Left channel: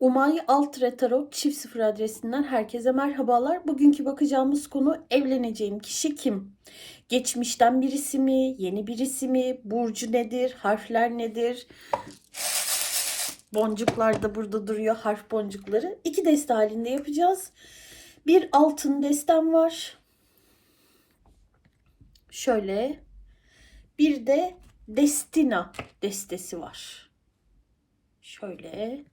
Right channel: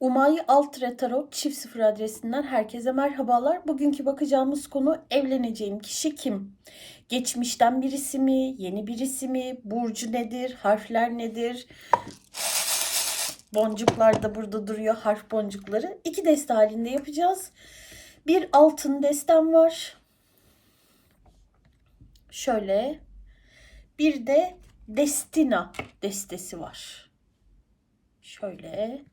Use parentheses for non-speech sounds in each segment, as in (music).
Umay Altre Tarot çift sıfır adresinden herkese merhabalar. Bugünkü bakacağımız konu evleneceğim kişi kim? Geçmişten birisi mi? Yeni birisi mi? Burcu nedir? Harfler nedir? Boncuklar da burada duruyor. Harf boncukları. İki deste halinde yapacağız. Bir altın destem var. Şöyle. Bir de Destina destesi var. Şöyle.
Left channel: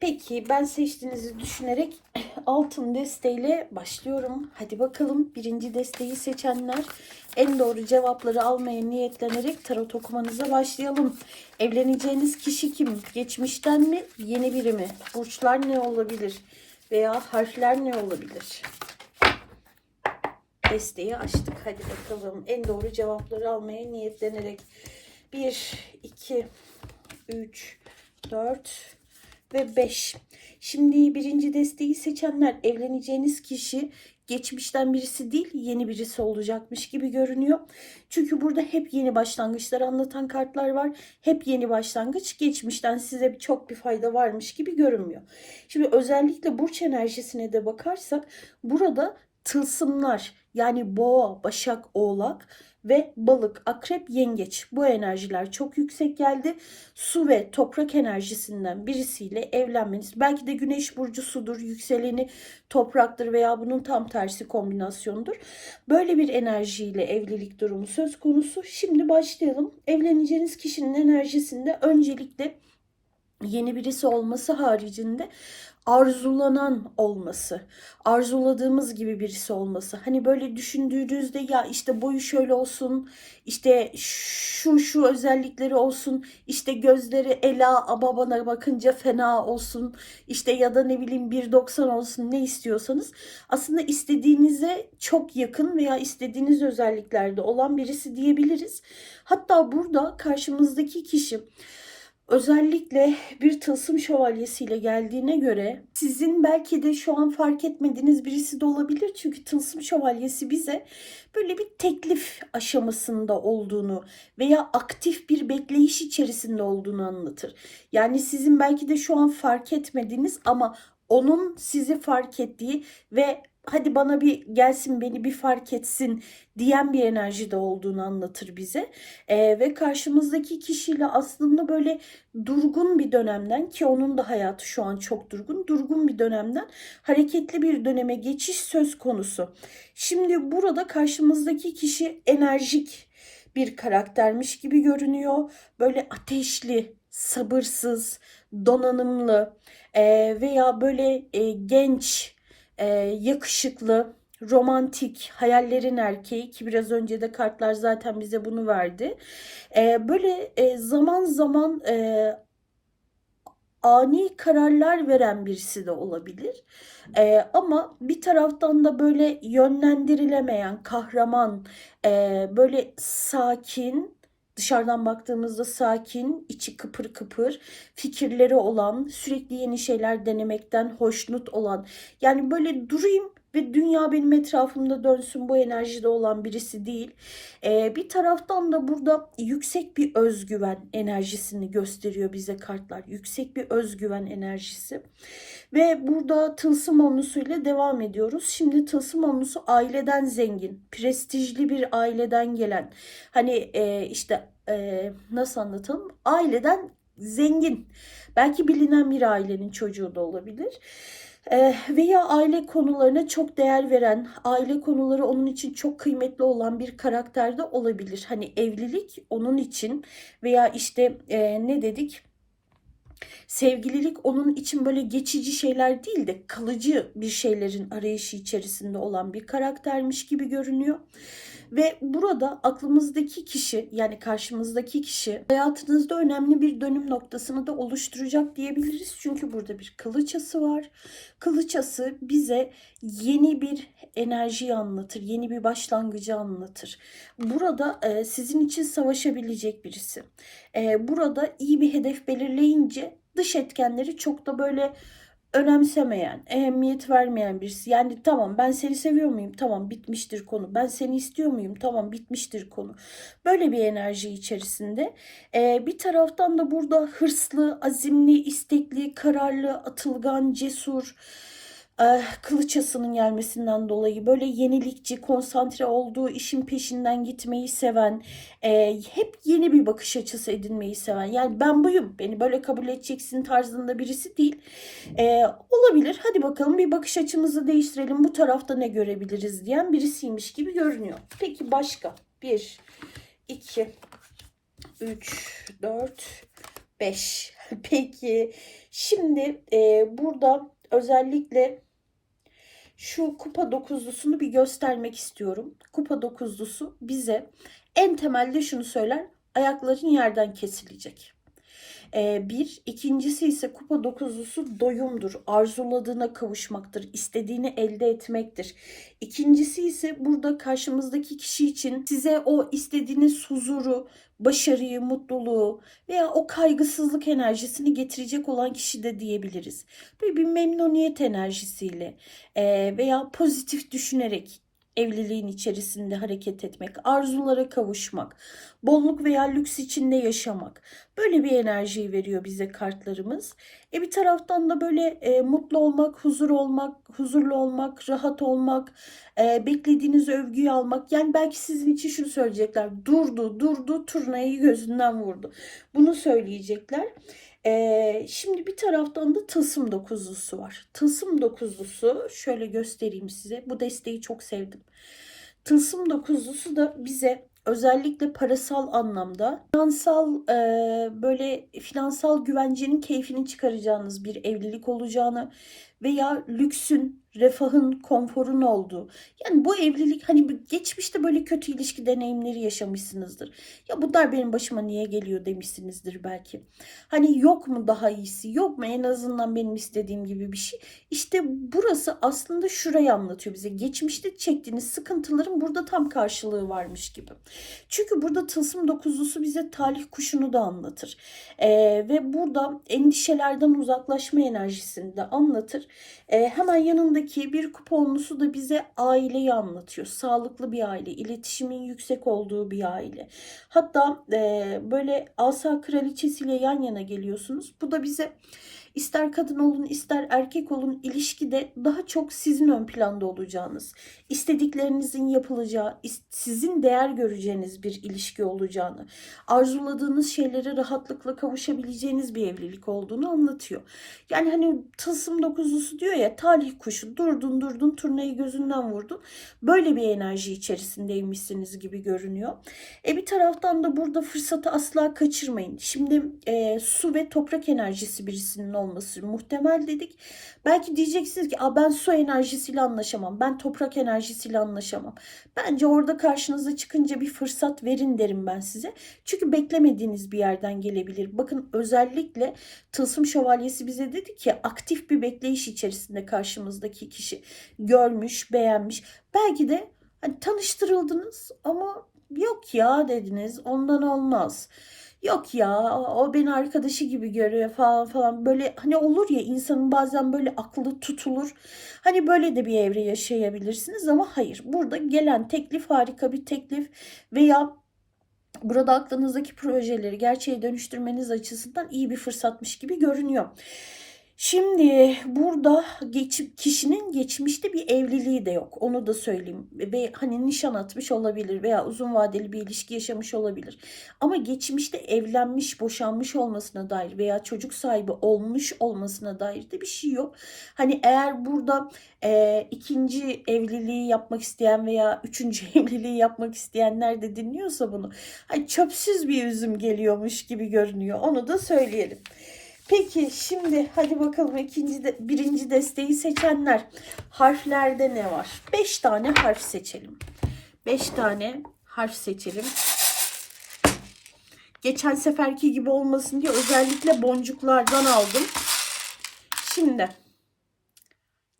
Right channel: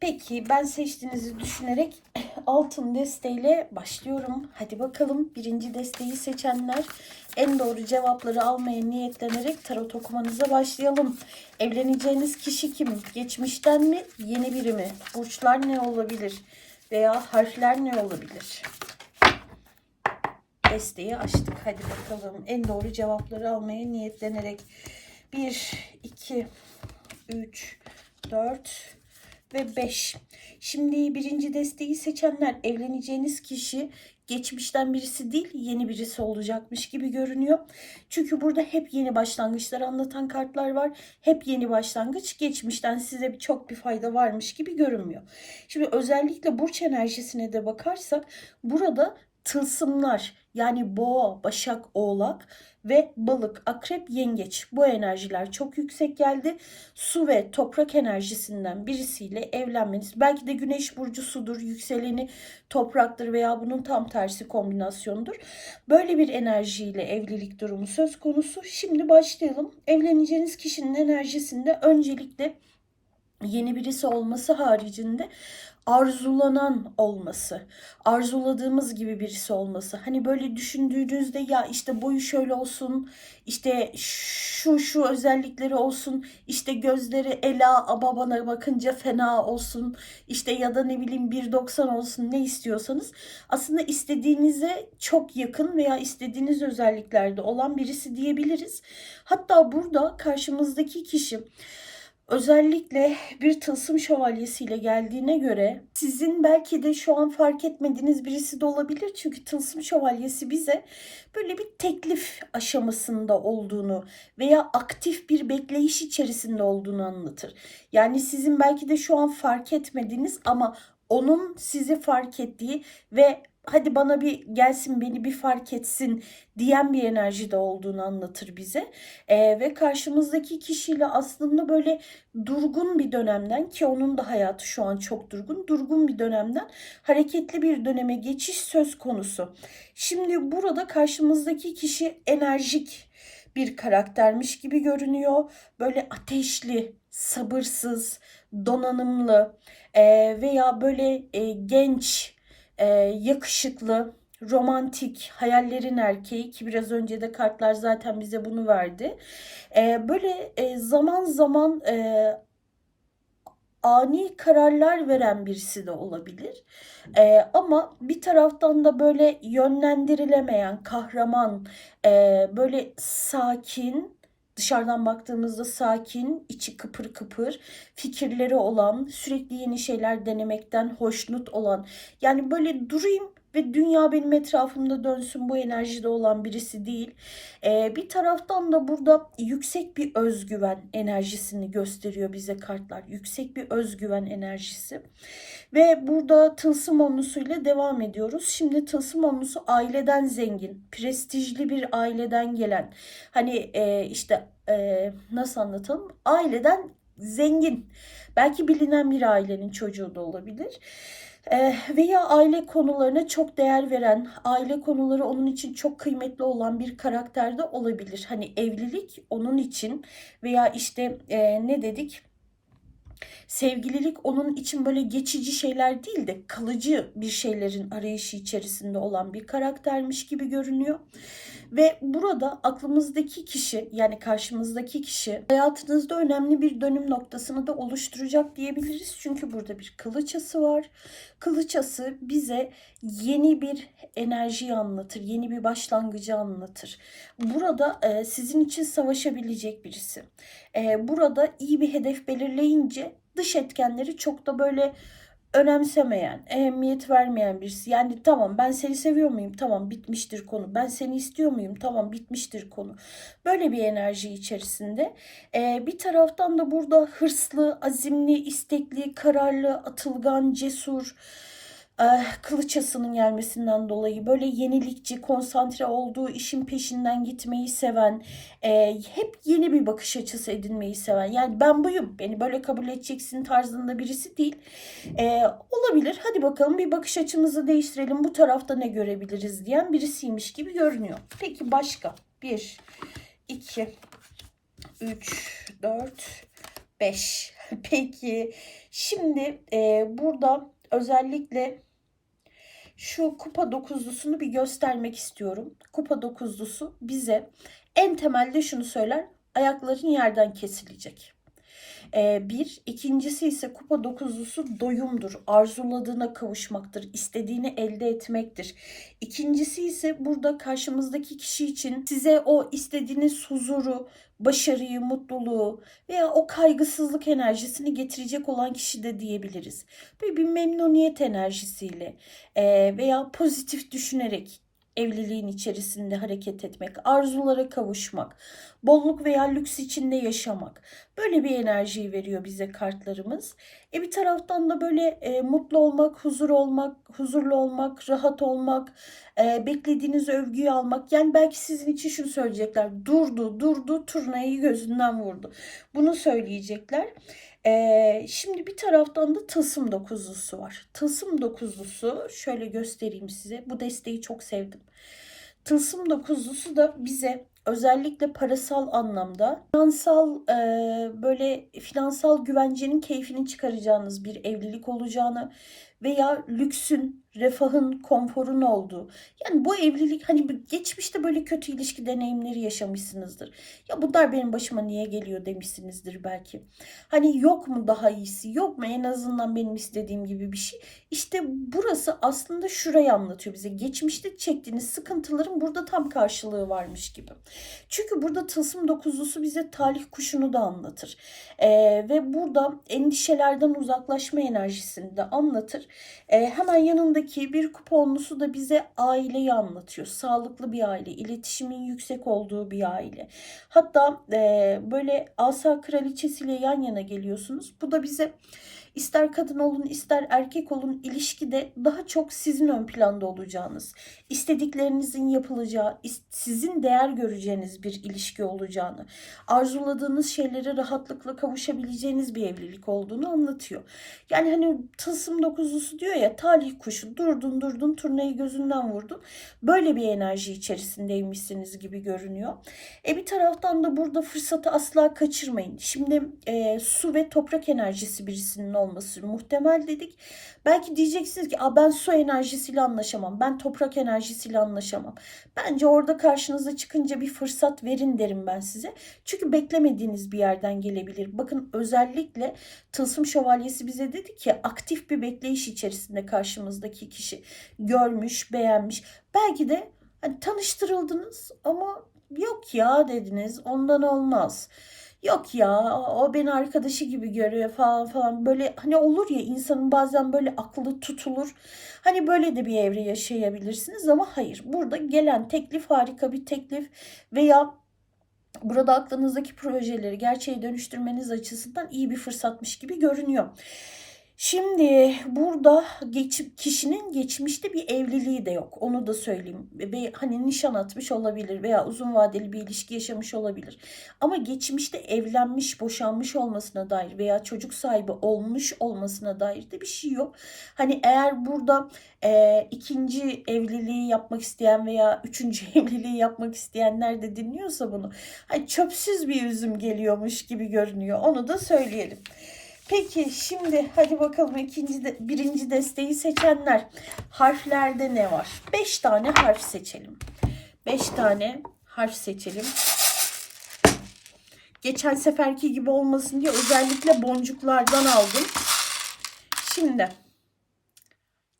Peki ben seçtiğinizi düşünerek (clears throat) altın desteğiyle başlıyorum. Hadi bakalım birinci desteği seçenler en doğru cevapları almaya niyetlenerek tarot okumanıza başlayalım. Evleneceğiniz kişi kim? Geçmişten mi? Yeni biri mi? Burçlar ne olabilir? Veya harfler ne olabilir? Desteği açtık. Hadi bakalım en doğru cevapları almaya niyetlenerek 1, 2, 3, 4, ve 5. Şimdi birinci desteği seçenler evleneceğiniz kişi geçmişten birisi değil yeni birisi olacakmış gibi görünüyor. Çünkü burada hep yeni başlangıçları anlatan kartlar var. Hep yeni başlangıç geçmişten size çok bir fayda varmış gibi görünmüyor. Şimdi özellikle burç enerjisine de bakarsak burada tılsımlar yani boğa, başak, oğlak ve balık, akrep, yengeç bu enerjiler çok yüksek geldi. Su ve toprak enerjisinden birisiyle evlenmeniz belki de güneş burcu sudur, yükseleni topraktır veya bunun tam tersi kombinasyonudur. Böyle bir enerjiyle evlilik durumu söz konusu. Şimdi başlayalım. Evleneceğiniz kişinin enerjisinde öncelikle yeni birisi olması haricinde arzulanan olması, arzuladığımız gibi birisi olması. Hani böyle düşündüğünüzde ya işte boyu şöyle olsun, işte şu şu özellikleri olsun, işte gözleri Ela babana bakınca fena olsun, işte ya da ne bileyim 1.90 olsun ne istiyorsanız aslında istediğinize çok yakın veya istediğiniz özelliklerde olan birisi diyebiliriz. Hatta burada karşımızdaki kişi özellikle bir tılsım şövalyesiyle geldiğine göre sizin belki de şu an fark etmediğiniz birisi de olabilir. Çünkü tılsım şövalyesi bize böyle bir teklif aşamasında olduğunu veya aktif bir bekleyiş içerisinde olduğunu anlatır. Yani sizin belki de şu an fark etmediğiniz ama onun sizi fark ettiği ve hadi bana bir gelsin beni bir fark etsin diyen bir enerjide olduğunu anlatır bize. E, ve karşımızdaki kişiyle aslında böyle durgun bir dönemden ki onun da hayatı şu an çok durgun, durgun bir dönemden hareketli bir döneme geçiş söz konusu. Şimdi burada karşımızdaki kişi enerjik bir karaktermiş gibi görünüyor. Böyle ateşli, sabırsız, donanımlı e, veya böyle e, genç, e, yakışıklı, romantik, hayallerin erkeği ki biraz önce de kartlar zaten bize bunu verdi. E, böyle e, zaman zaman e, ani kararlar veren birisi de olabilir. E, ama bir taraftan da böyle yönlendirilemeyen, kahraman, e, böyle sakin, dışarıdan baktığımızda sakin, içi kıpır kıpır, fikirleri olan, sürekli yeni şeyler denemekten hoşnut olan. Yani böyle durayım ve dünya benim etrafımda dönsün bu enerjide olan birisi değil. Ee, bir taraftan da burada yüksek bir özgüven enerjisini gösteriyor bize kartlar. Yüksek bir özgüven enerjisi. Ve burada tılsım onlusuyla devam ediyoruz. Şimdi tılsım onlusu aileden zengin, prestijli bir aileden gelen. Hani e, işte e, nasıl anlatalım? Aileden zengin. Belki bilinen bir ailenin çocuğu da olabilir. Ee, veya aile konularına çok değer veren, aile konuları onun için çok kıymetli olan bir karakterde olabilir. Hani evlilik onun için veya işte e, ne dedik? Sevgililik onun için böyle geçici şeyler değil de kalıcı bir şeylerin arayışı içerisinde olan bir karaktermiş gibi görünüyor. Ve burada aklımızdaki kişi yani karşımızdaki kişi hayatınızda önemli bir dönüm noktasını da oluşturacak diyebiliriz. Çünkü burada bir kılıçası var. Kılıçası bize yeni bir enerjiyi anlatır, yeni bir başlangıcı anlatır. Burada e, sizin için savaşabilecek birisi. E, burada iyi bir hedef belirleyince dış etkenleri çok da böyle önemsemeyen, ehemmiyet vermeyen birisi. Yani tamam ben seni seviyor muyum? Tamam bitmiştir konu. Ben seni istiyor muyum? Tamam bitmiştir konu. Böyle bir enerji içerisinde. Ee, bir taraftan da burada hırslı, azimli, istekli, kararlı, atılgan, cesur, kılıçasının gelmesinden dolayı böyle yenilikçi, konsantre olduğu işin peşinden gitmeyi seven, eh, hep yeni bir bakış açısı edinmeyi seven. Yani ben buyum, beni böyle kabul edeceksin tarzında birisi değil. Eh, olabilir, hadi bakalım bir bakış açımızı değiştirelim, bu tarafta ne görebiliriz diyen birisiymiş gibi görünüyor. Peki başka? 1, 2, 3, 4, 5. Peki şimdi e, burada özellikle şu kupa dokuzlusunu bir göstermek istiyorum. Kupa dokuzlusu bize en temelde şunu söyler. Ayakların yerden kesilecek. Ee, bir. ikincisi ise kupa dokuzlusu doyumdur. Arzuladığına kavuşmaktır. istediğini elde etmektir. İkincisi ise burada karşımızdaki kişi için size o istediğiniz huzuru, başarıyı, mutluluğu veya o kaygısızlık enerjisini getirecek olan kişi de diyebiliriz. Böyle bir memnuniyet enerjisiyle veya pozitif düşünerek evliliğin içerisinde hareket etmek, arzulara kavuşmak, bolluk veya lüks içinde yaşamak. Böyle bir enerjiyi veriyor bize kartlarımız. E bir taraftan da böyle e, mutlu olmak, huzur olmak, huzurlu olmak, rahat olmak, e, beklediğiniz övgüyü almak. Yani belki sizin için şunu söyleyecekler. Durdu, durdu, turnayı gözünden vurdu. Bunu söyleyecekler. E, şimdi bir taraftan da tılsım dokuzlusu var. Tılsım dokuzlusu şöyle göstereyim size. Bu desteği çok sevdim. Tılsım dokuzlusu da bize özellikle parasal anlamda finansal e, böyle finansal güvencenin keyfini çıkaracağınız bir evlilik olacağını veya lüksün, refahın, konforun olduğu. Yani bu evlilik hani geçmişte böyle kötü ilişki deneyimleri yaşamışsınızdır. Ya bunlar benim başıma niye geliyor demişsinizdir belki. Hani yok mu daha iyisi? Yok mu en azından benim istediğim gibi bir şey? İşte burası aslında şurayı anlatıyor bize. Geçmişte çektiğiniz sıkıntıların burada tam karşılığı varmış gibi. Çünkü burada tılsım dokuzlusu bize talih kuşunu da anlatır. Ee, ve burada endişelerden uzaklaşma enerjisini de anlatır. Ee, hemen yanındaki bir kuponlusu da bize aileyi anlatıyor. Sağlıklı bir aile, iletişimin yüksek olduğu bir aile. Hatta e, böyle asa kraliçesiyle yan yana geliyorsunuz. Bu da bize ister kadın olun ister erkek olun ilişkide daha çok sizin ön planda olacağınız, istediklerinizin yapılacağı, sizin değer göreceğiniz bir ilişki olacağını, arzuladığınız şeylere rahatlıkla kavuşabileceğiniz bir evlilik olduğunu anlatıyor. Yani hani tılsım dokuzlusu diyor ya talih kuşu durdun durdun turnayı gözünden vurdun. Böyle bir enerji içerisindeymişsiniz gibi görünüyor. E bir taraftan da burada fırsatı asla kaçırmayın. Şimdi e, su ve toprak enerjisi birisinin olması muhtemel dedik. Belki diyeceksiniz ki ben su enerjisiyle anlaşamam. Ben toprak enerjisiyle anlaşamam. Bence orada karşınıza çıkınca bir fırsat verin derim ben size. Çünkü beklemediğiniz bir yerden gelebilir. Bakın özellikle Tılsım Şövalyesi bize dedi ki aktif bir bekleyiş içerisinde karşımızdaki kişi görmüş, beğenmiş. Belki de hani tanıştırıldınız ama yok ya dediniz ondan olmaz. Yok ya o beni arkadaşı gibi görüyor falan falan böyle hani olur ya insanın bazen böyle aklı tutulur. Hani böyle de bir evre yaşayabilirsiniz ama hayır burada gelen teklif harika bir teklif veya burada aklınızdaki projeleri gerçeğe dönüştürmeniz açısından iyi bir fırsatmış gibi görünüyor. Şimdi burada geç, kişinin geçmişte bir evliliği de yok. Onu da söyleyeyim. Ve hani nişan atmış olabilir veya uzun vadeli bir ilişki yaşamış olabilir. Ama geçmişte evlenmiş, boşanmış olmasına dair veya çocuk sahibi olmuş olmasına dair de bir şey yok. Hani eğer burada e, ikinci evliliği yapmak isteyen veya üçüncü (laughs) evliliği yapmak isteyenler de dinliyorsa bunu hani çöpsüz bir üzüm geliyormuş gibi görünüyor. Onu da söyleyelim. Peki şimdi hadi bakalım ikinci de, birinci desteği seçenler. Harflerde ne var? Beş tane harf seçelim. Beş tane harf seçelim. Geçen seferki gibi olmasın diye özellikle boncuklardan aldım. Şimdi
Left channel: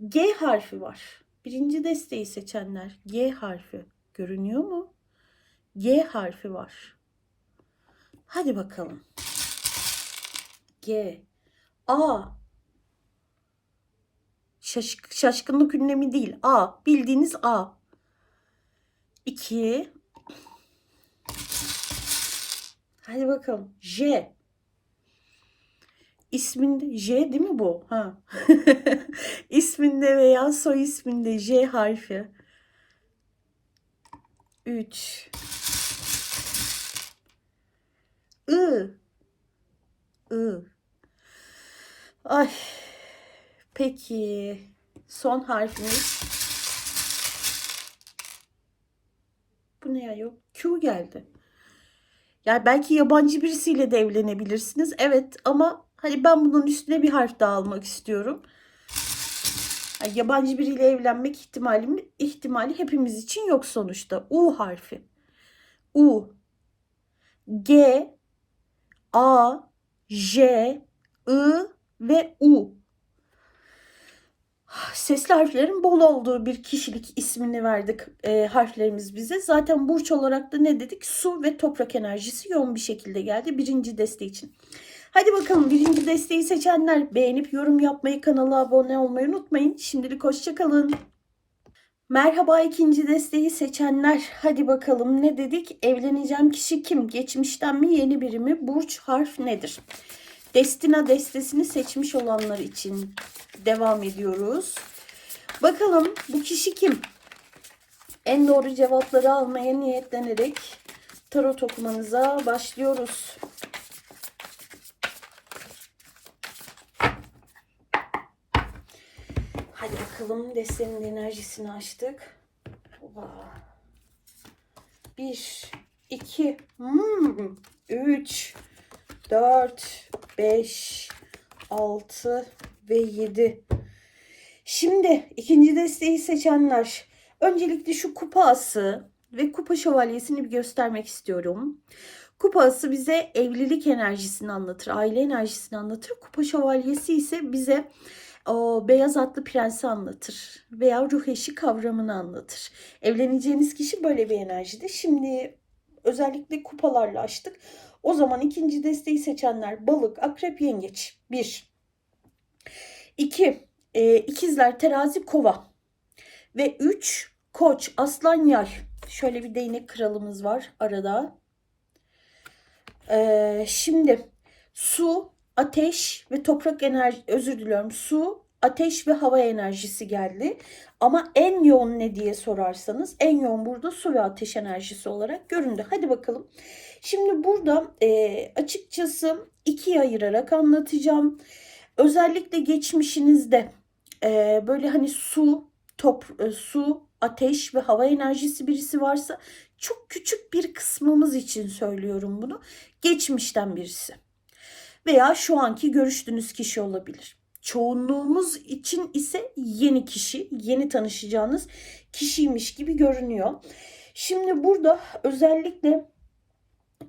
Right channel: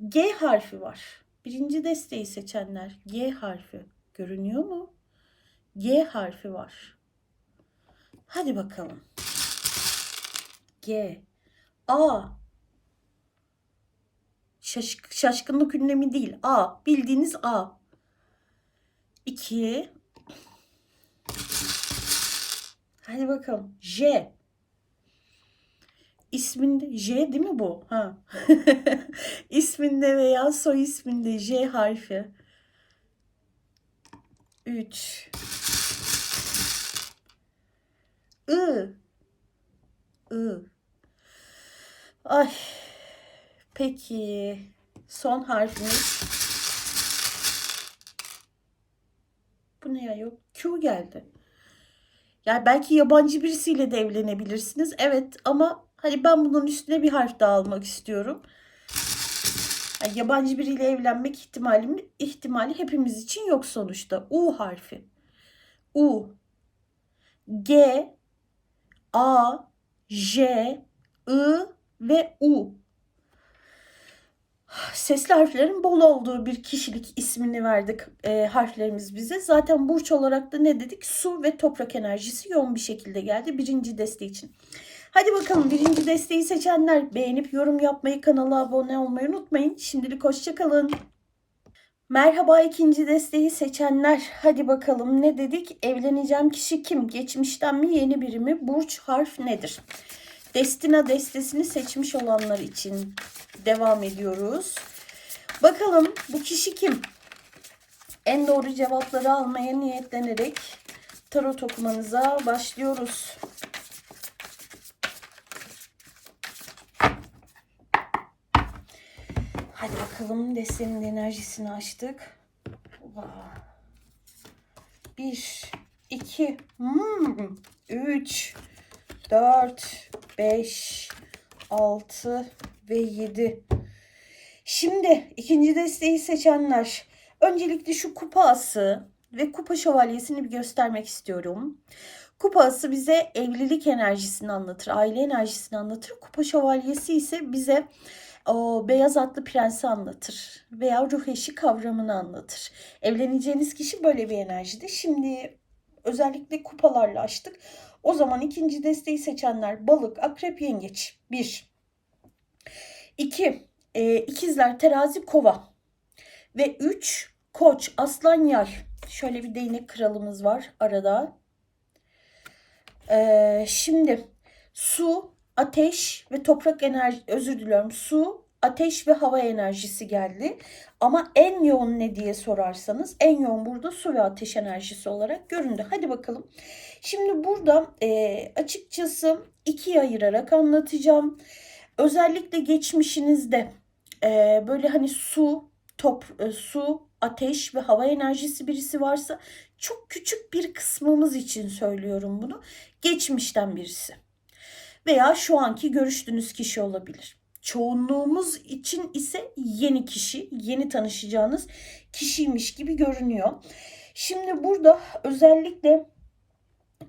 G harfi var. Birinci desteği seçenler G harfi görünüyor mu? G harfi var. Hadi bakalım. G, A, Şaş- şaşkınlık ünlemi değil. A. Bildiğiniz A. 2 Hadi bakalım. J. İsminde J değil mi bu? Ha. (laughs) İsminde veya soy isminde J harfi. 3 I. I. Ay. Peki. Son harfimiz. Bu ne ya yok? Q geldi. Yani belki yabancı birisiyle de evlenebilirsiniz. Evet ama hani ben bunun üstüne bir harf daha almak istiyorum. Yani yabancı biriyle evlenmek ihtimali, ihtimali hepimiz için yok sonuçta. U harfi. U. G. A. J. I. Ve U. Sesli harflerin bol olduğu bir kişilik ismini verdik e, harflerimiz bize. Zaten burç olarak da ne dedik? Su ve toprak enerjisi yoğun bir şekilde geldi birinci deste için. Hadi bakalım birinci desteği seçenler beğenip yorum yapmayı, kanala abone olmayı unutmayın. Şimdilik hoşçakalın. Merhaba ikinci desteği seçenler. Hadi bakalım ne dedik? Evleneceğim kişi kim? Geçmişten mi yeni biri mi? Burç harf nedir? Destina destesini seçmiş olanlar için devam ediyoruz. Bakalım bu kişi kim? En doğru cevapları almaya niyetlenerek tarot okumanıza başlıyoruz. Hadi bakalım destenin enerjisini açtık. Bir, iki, hmm, üç, dört, beş, altı ve yedi. Şimdi ikinci desteği seçenler. Öncelikle şu kupa ası ve kupa şövalyesini bir göstermek istiyorum. Kupa ası bize evlilik enerjisini anlatır, aile enerjisini anlatır. Kupa şövalyesi ise bize o beyaz atlı prensi anlatır veya ruh eşi kavramını anlatır. Evleneceğiniz kişi böyle bir enerjide. Şimdi özellikle kupalarla açtık. O zaman ikinci desteği seçenler balık, akrep, yengeç. 1. 2. E, ikizler, terazi, kova. Ve 3. Koç, aslan, yay. Şöyle bir değnek kralımız var arada. E, şimdi su, ateş ve toprak enerji özür diliyorum. Su, ateş ve hava enerjisi geldi. Ama en yoğun ne diye sorarsanız en yoğun burada su ve ateş enerjisi olarak göründü. Hadi bakalım. Şimdi burada e, açıkçası ikiye ayırarak anlatacağım. Özellikle geçmişinizde e, böyle hani su, top, e, su, ateş ve hava enerjisi birisi varsa çok küçük bir kısmımız için söylüyorum bunu. Geçmişten birisi veya şu anki görüştüğünüz kişi olabilir. Çoğunluğumuz için ise yeni kişi, yeni tanışacağınız kişiymiş gibi görünüyor. Şimdi burada özellikle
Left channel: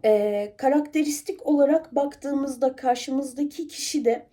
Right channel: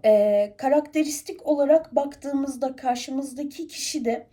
e, karakteristik olarak baktığımızda karşımızdaki kişi de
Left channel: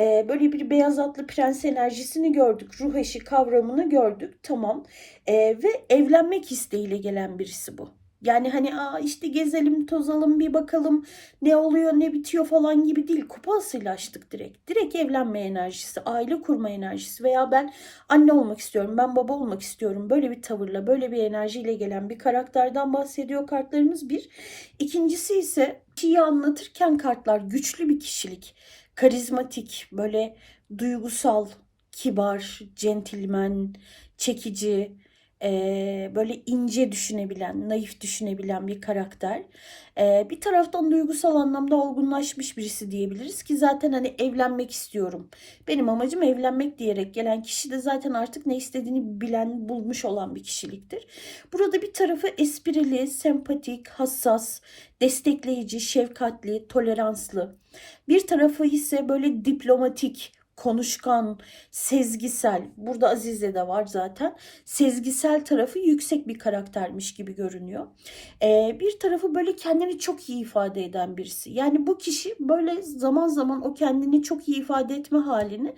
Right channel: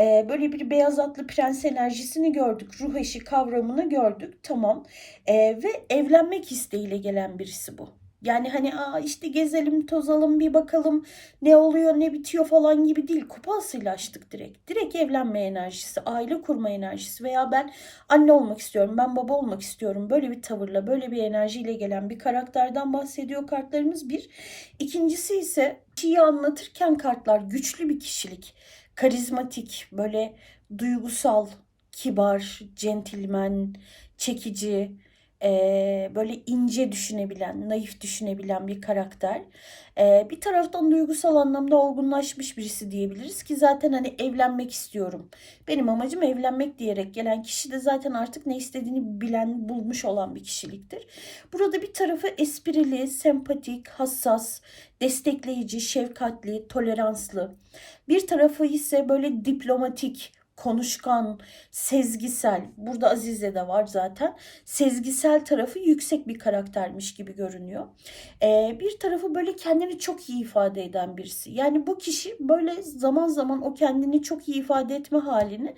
e, böyle bir beyaz atlı prens enerjisini gördük. Ruh eşi kavramını gördük. Tamam. E, ve evlenmek isteğiyle gelen birisi bu. Yani hani Aa işte gezelim tozalım bir bakalım ne oluyor ne bitiyor falan gibi değil. Kupasıyla açtık direkt. Direkt evlenme enerjisi, aile kurma enerjisi veya ben anne olmak istiyorum, ben baba olmak istiyorum. Böyle bir tavırla, böyle bir enerjiyle gelen bir karakterden bahsediyor kartlarımız bir. İkincisi ise kişiyi anlatırken kartlar güçlü bir kişilik, karizmatik, böyle duygusal, kibar, centilmen, çekici, böyle ince düşünebilen, naif düşünebilen bir karakter. Bir taraftan duygusal anlamda olgunlaşmış birisi diyebiliriz ki zaten hani evlenmek istiyorum. Benim amacım evlenmek diyerek gelen kişi de zaten artık ne istediğini bilen, bulmuş olan bir kişiliktir. Burada bir tarafı esprili, sempatik, hassas, destekleyici, şefkatli, toleranslı. Bir tarafı ise böyle diplomatik, konuşkan, sezgisel. Burada Azize de var zaten. Sezgisel tarafı yüksek bir karaktermiş gibi görünüyor. Ee, bir tarafı böyle kendini çok iyi ifade eden birisi. Yani bu kişi böyle zaman zaman o kendini çok iyi ifade etme halini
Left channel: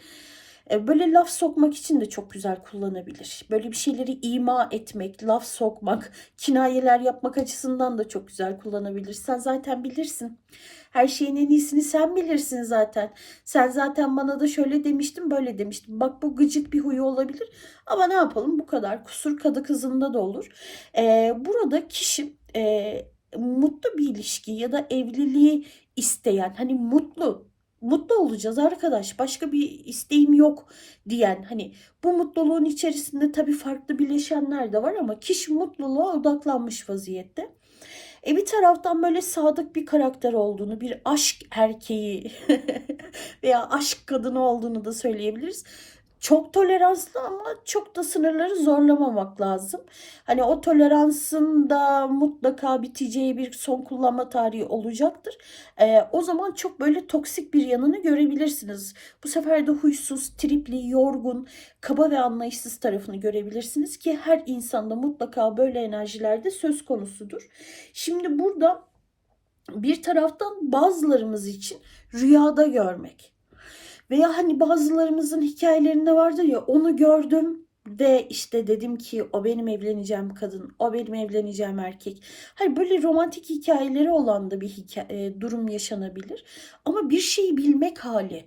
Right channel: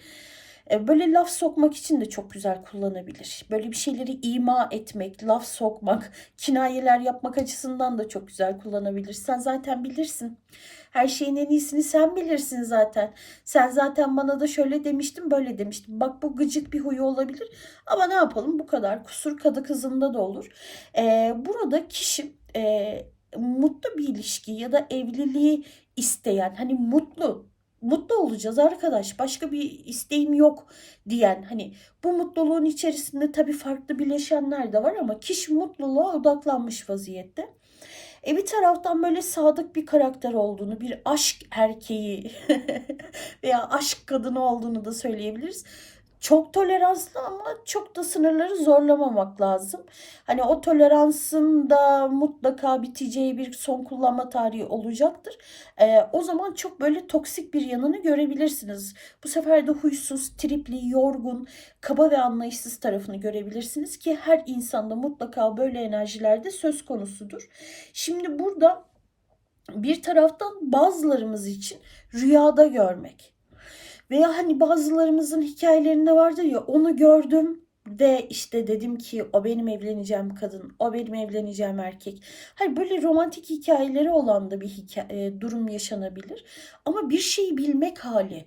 e, böyle laf sokmak için de çok güzel kullanabilir. Böyle bir şeyleri ima etmek, laf sokmak, kinayeler yapmak açısından da çok güzel kullanabilir. Sen zaten bilirsin. Her şeyin en iyisini sen bilirsin zaten. Sen zaten bana da şöyle demiştin böyle demiştin. Bak bu gıcık bir huyu olabilir. Ama ne yapalım bu kadar. Kusur kadı kızında da olur. Ee, burada kişi e, mutlu bir ilişki ya da evliliği isteyen hani mutlu mutlu olacağız arkadaş başka bir isteğim yok diyen hani bu mutluluğun içerisinde tabii farklı bileşenler de var ama kişi mutluluğa odaklanmış vaziyette. E bir taraftan böyle sadık bir karakter olduğunu, bir aşk erkeği (laughs) veya aşk kadını olduğunu da söyleyebiliriz. Çok toleranslı ama çok da sınırları zorlamamak lazım. Hani o toleransın da mutlaka biteceği bir son kullanma tarihi olacaktır. Ee, o zaman çok böyle toksik bir yanını görebilirsiniz. Bu sefer de huysuz, tripli, yorgun, kaba ve anlayışsız tarafını görebilirsiniz ki her insanda mutlaka böyle enerjilerde söz konusudur. Şimdi burada bir taraftan bazılarımız için rüyada görmek veya hani bazılarımızın hikayelerinde vardır ya onu gördüm de işte dedim ki o benim evleneceğim kadın, o benim evleneceğim erkek. Hani böyle romantik hikayeleri olan da bir hikaye, e, durum yaşanabilir. Ama bir şeyi bilmek hali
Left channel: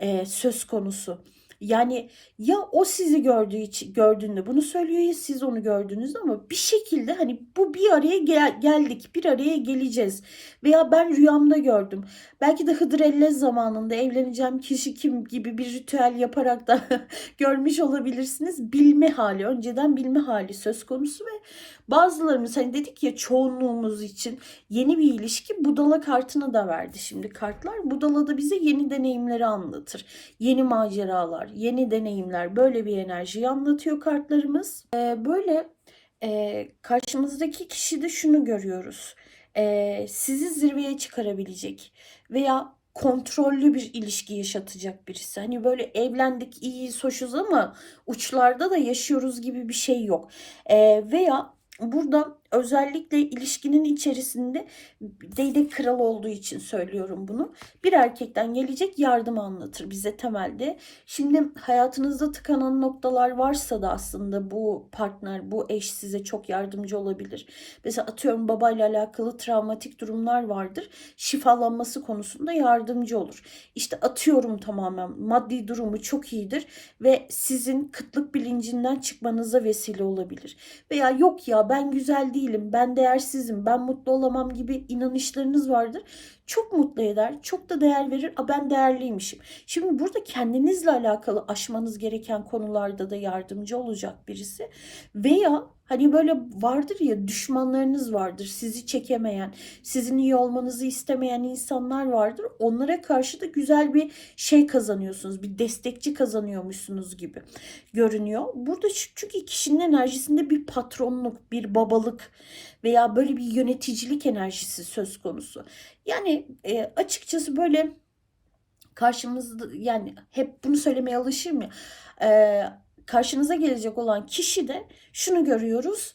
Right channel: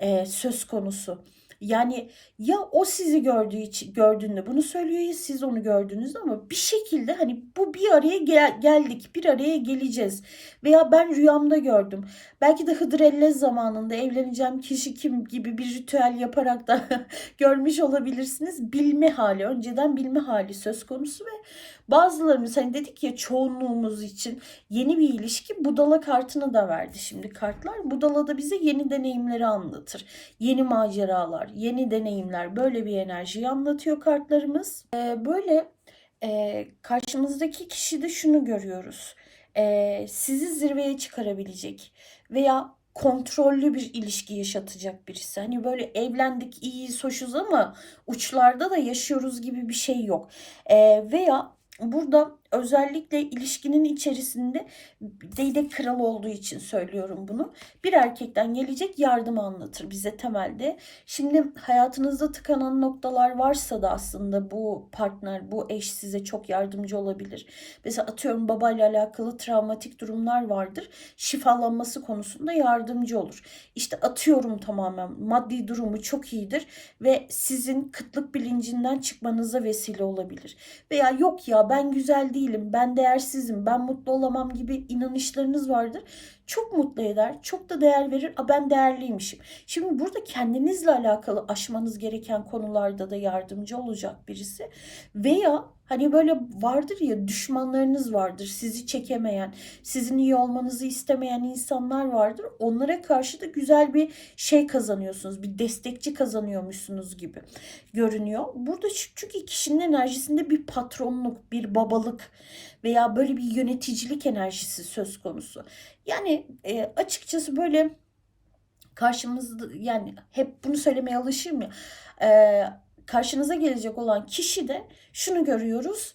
e, söz konusu. Yani ya o sizi gördüğü için gördüğünde bunu söylüyor ya siz onu gördünüz ama bir şekilde hani bu bir araya gel- geldik, bir araya geleceğiz. Veya ben rüyamda gördüm. Belki de Hıdrellez zamanında evleneceğim kişi kim gibi bir ritüel yaparak da (laughs) görmüş olabilirsiniz. Bilme hali, önceden bilme hali söz konusu ve bazılarımız hani dedik ya çoğunluğumuz için yeni bir ilişki budala kartını da verdi şimdi kartlar. Budala da bize yeni deneyimleri anlatır. Yeni maceralar, yeni deneyimler böyle bir enerjiyi anlatıyor kartlarımız. Ee, böyle e, karşımızdaki kişide şunu görüyoruz. Ee, sizi zirveye çıkarabilecek veya kontrollü bir ilişki yaşatacak birisi. Hani böyle evlendik, iyiyiz, hoşuz ama uçlarda da yaşıyoruz gibi bir şey yok. Ee, veya burada özellikle ilişkinin içerisinde değnek kral olduğu için söylüyorum bunu. Bir erkekten gelecek yardım anlatır bize temelde. Şimdi hayatınızda tıkanan noktalar varsa da aslında bu partner, bu eş size çok yardımcı olabilir. Mesela atıyorum babayla alakalı travmatik durumlar vardır. Şifalanması konusunda yardımcı olur. İşte atıyorum tamamen maddi durumu çok iyidir ve sizin kıtlık bilincinden çıkmanıza vesile olabilir. Veya yok ya ben güzel değilim, ben değersizim, ben mutlu olamam gibi inanışlarınız vardır. Çok mutlu eder, çok da değer verir. A ben değerliymişim. Şimdi burada kendinizle alakalı aşmanız gereken konularda da yardımcı olacak birisi. Veya hani böyle vardır ya düşmanlarınız vardır, sizi çekemeyen, sizin iyi olmanızı istemeyen insanlar vardır. Onlara karşı da güzel bir şey kazanıyorsunuz, bir destekçi kazanıyormuşsunuz gibi görünüyor. Burada çünkü kişinin enerjisinde bir patronluk, bir babalık veya böyle bir yöneticilik enerjisi söz konusu. Yani e, açıkçası böyle karşımızda yani hep bunu söylemeye alışır mı? E, karşınıza gelecek olan kişi de şunu görüyoruz.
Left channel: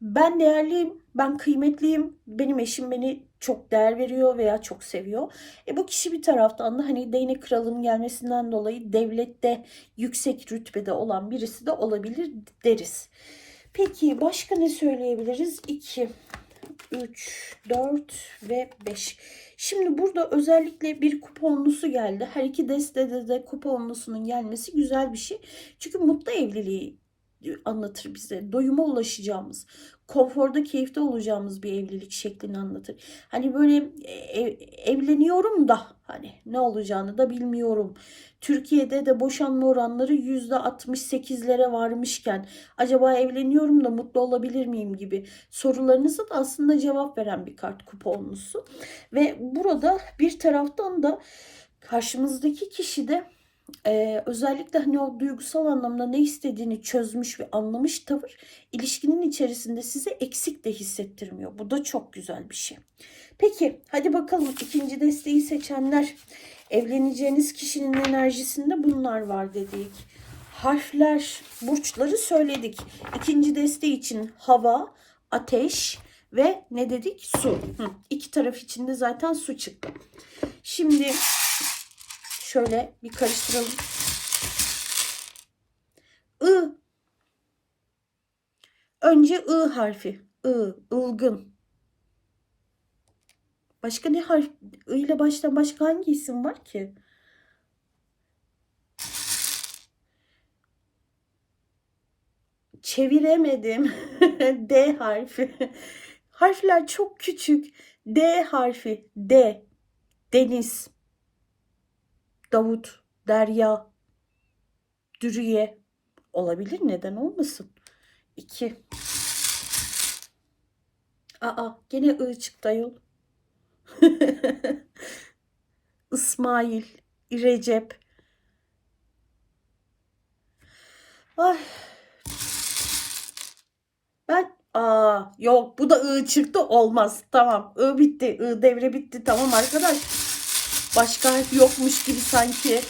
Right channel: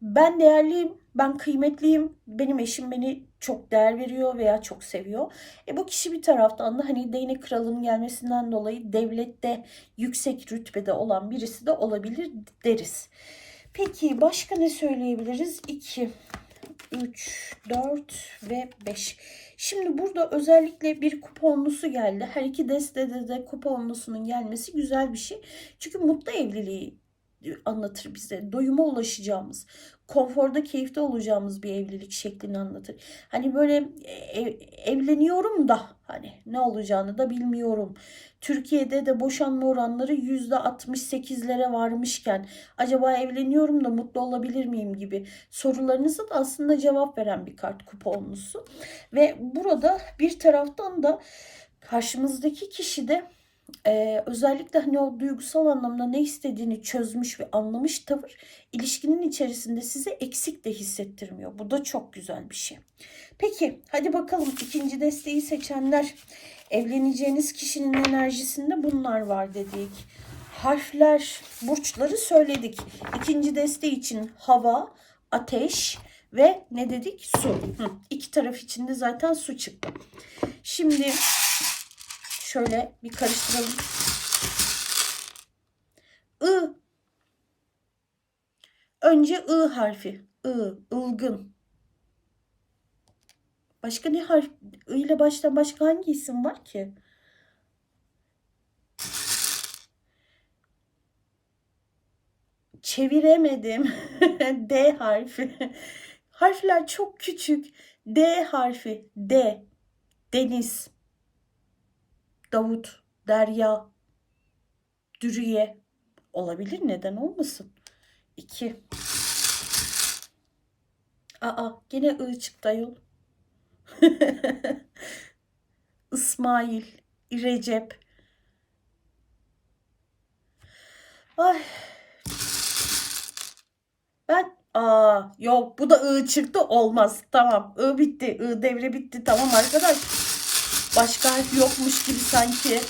Ben değerliyim, ben kıymetliyim, benim eşim beni çok değer veriyor veya çok seviyor. E bu kişi bir taraftan da hani değnek kralının gelmesinden dolayı devlette yüksek rütbede olan birisi de olabilir deriz. Peki başka ne söyleyebiliriz? 2, 3, 4 ve 5. Şimdi burada özellikle bir kuponlusu geldi. Her iki destede de kuponlusunun gelmesi güzel bir şey. Çünkü mutlu evliliği anlatır bize. Doyuma ulaşacağımız, konforda, keyifte olacağımız bir evlilik şeklini anlatır. Hani böyle ev, evleniyorum da hani ne olacağını da bilmiyorum. Türkiye'de de boşanma oranları %68'lere varmışken acaba evleniyorum da mutlu olabilir miyim gibi sorularınıza da aslında cevap veren bir kart kuponlusu. Ve burada bir taraftan da karşımızdaki kişi de ee, özellikle hani o duygusal anlamda ne istediğini çözmüş ve anlamış tavır ilişkinin içerisinde size eksik de hissettirmiyor. Bu da çok güzel bir şey. Peki hadi bakalım ikinci desteği seçenler evleneceğiniz kişinin enerjisinde bunlar var dedik. Harfler, burçları söyledik. İkinci desteği için hava, ateş ve ne dedik? Su. Hı, iki taraf içinde zaten su çıktı. Şimdi şöyle bir karıştıralım. I. Önce I harfi. I, ılgın. Başka ne harf I ile başlayan başka hangi isim var ki? Çeviremedim. (laughs) D harfi. Harfler çok küçük. D harfi. D. Deniz. Davut. Derya. Dürüye. Olabilir neden olmasın? 2. Aa gene I çıktı ayol. (laughs) İsmail. Recep. Ay. Ben aa yok bu da I çıktı olmaz. Tamam I bitti. I devre bitti. Tamam arkadaş. Başka yokmuş gibi sanki.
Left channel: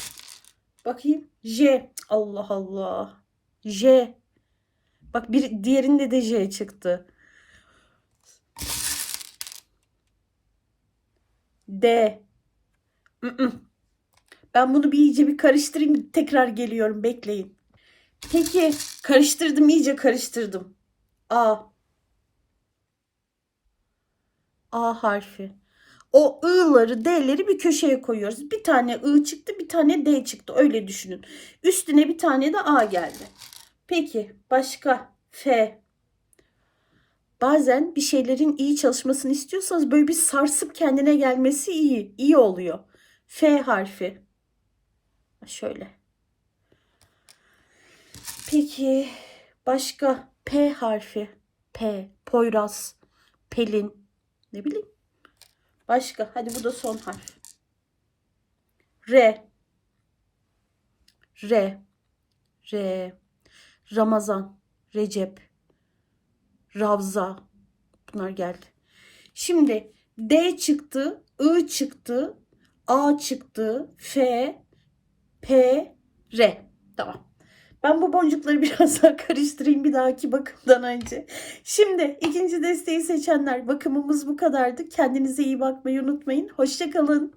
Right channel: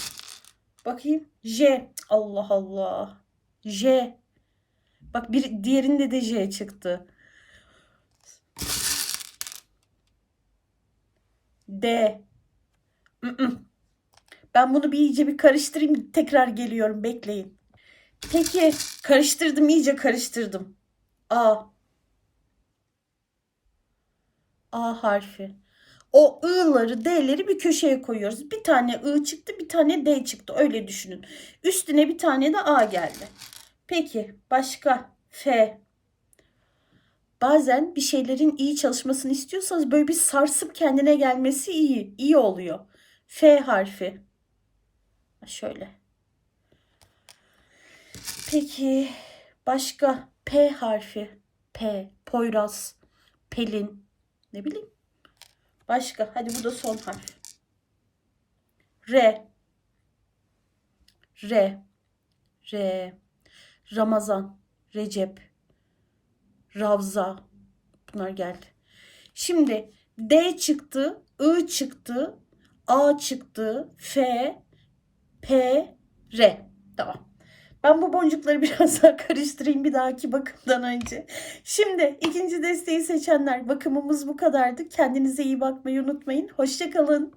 Bakayım. J. Allah Allah. J. Bak bir diğerinde de J çıktı. D. Ben bunu bir iyice bir karıştırayım. Tekrar geliyorum. Bekleyin. Peki karıştırdım iyice karıştırdım. A. A harfi. O ı'ları, d'leri bir köşeye koyuyoruz. Bir tane ı çıktı, bir tane d çıktı. Öyle düşünün. Üstüne bir tane de a geldi. Peki başka f. Bazen bir şeylerin iyi çalışmasını istiyorsanız böyle bir sarsıp kendine gelmesi iyi. iyi oluyor. F harfi. Şöyle. Peki başka P harfi. P. Poyraz. Pelin. Ne bileyim. Başka. Hadi bu da son harf. R. R. R. Ramazan. Recep. Ravza. Bunlar geldi. Şimdi D çıktı. I çıktı. A çıktı. F. P. R. Tamam. Ben bu boncukları (laughs) biraz daha karıştırayım bir dahaki bakımdan önce. Şimdi ikinci desteği seçenler bakımımız bu kadardı. Kendinize iyi bakmayı unutmayın. Hoşçakalın.